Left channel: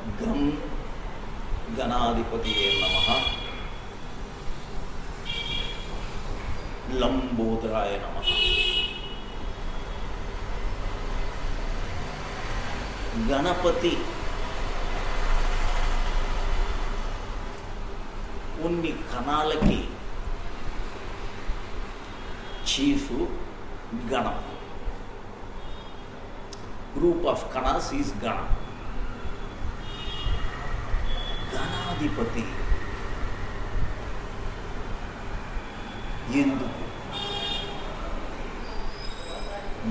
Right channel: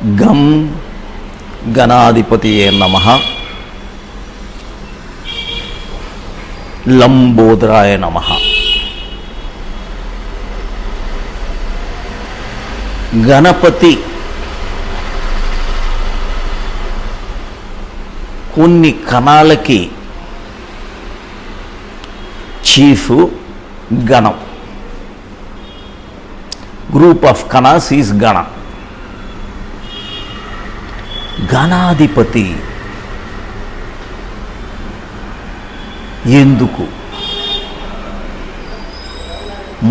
గం గణాధిపతియే నమః. లంబోదరాయ నమః. గణపతి కొన్ని కణాలకి చీఫ్. గణం, గ్రూప్ ఆఫ్ కణాస్ ఈజ్ గణ. గణాధిపతి ఎందుకు?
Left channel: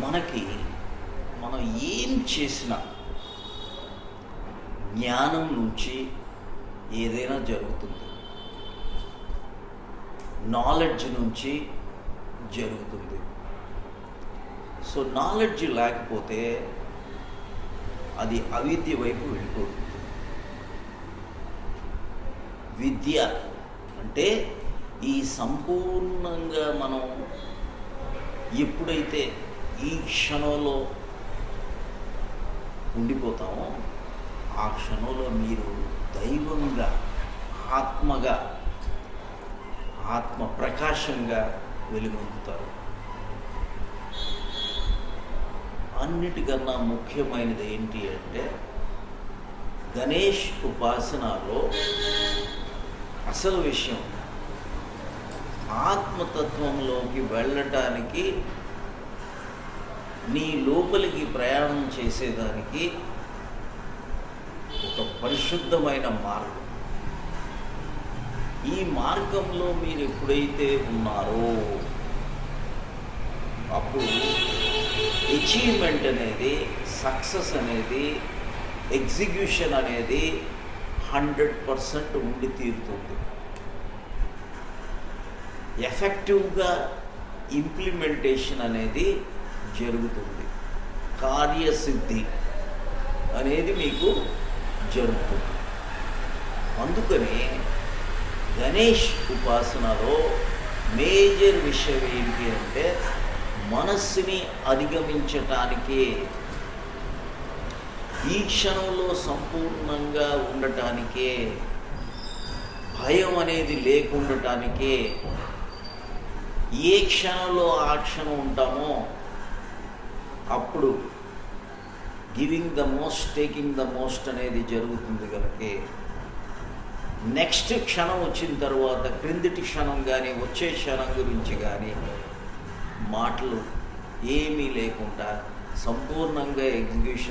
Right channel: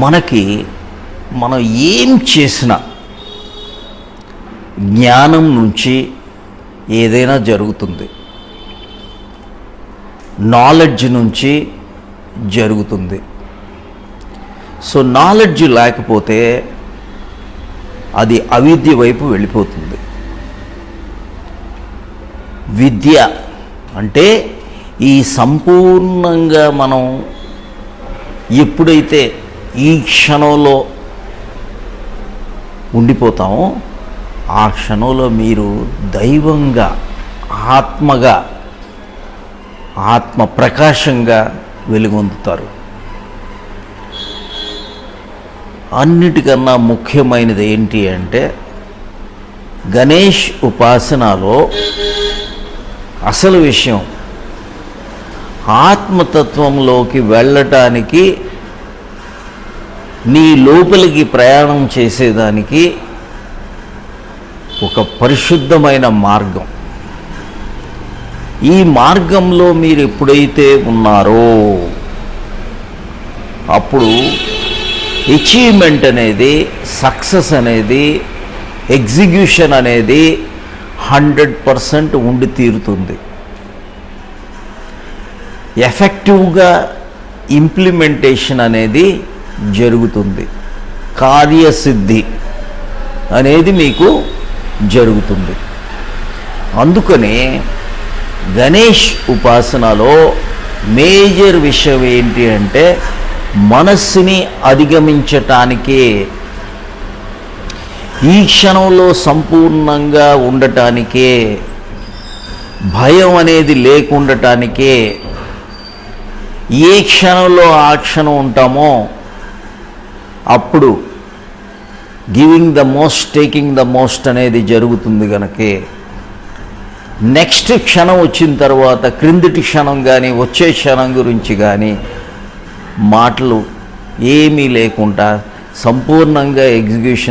మనకి మనం ఏం చేసినా జ్ఞానం నుంచి ఏదైనా జరుగుతుంది, నాలెడ్జ్ నుంచి జరుగుతుంది. సో నాలెడ్జ్ లేకపోతే అది అవిద్య వైపు వెళ్ళిపోతుంది. విద్య అంటే ఈ సంపూర్ణంగా మనం ఎప్పుడైతే ఈ క్షణంలో ఉండిపోతామో ఆ క్షణంలో మీరు దైవంగా, ఆత్మగా, ఆత్మ ప్రకాశంగా వెలుగొందుతారు. అన్నిటికన్నా ముఖ్యమైనది ఏంటి అంటే గణేష్ ఉపాసనలో అసలు విషయం ఆత్మతత్వంలోకి వెళ్ళటానికి, నీ లోపలికి ప్రయాణం చేసేదానికి ఒక పరిశుద్ధమైన మార్గం. ఈ మార్గంలో మీరు ఎప్పుడైతే ఉన్నారో అప్పుడు అచీవ్మెంట్ అనేది, సక్సెస్ అనేది, ఎగ్జిక్యూషన్ అనేది 100% ఉండి తీరుతుంది. ఎఫెక్టివ్గా ఇంప్లిమెంటేషన్ అనేది జరుగుతుంది. కార్యసిద్ధి అనేది మీకు జరుగుతుంది. అందుకనే గణేష్ ఉపాసనలో మేజర్ విషయం ఏంటి అంటే మనస్సుని అధిగమించటానికే, ఈ క్షణంలో సంపూర్ణంగా ఉండటానికే, భయం అనేది లేకుండటానికే, ఏ క్షణంలో ఆ క్షణం ఉంటామో అప్పుడు giving the most, taking the most అనేది జరుగుతుంది. కనుకే నెక్స్ట్ క్షణం వచ్చిన తర్వాత క్రిందటి క్షణం కానీ వచ్చే క్షణం గురించి కానీ మాటలు ఏమీ లేకుండా సంపూర్ణంగా ఎగ్జిక్యూషన్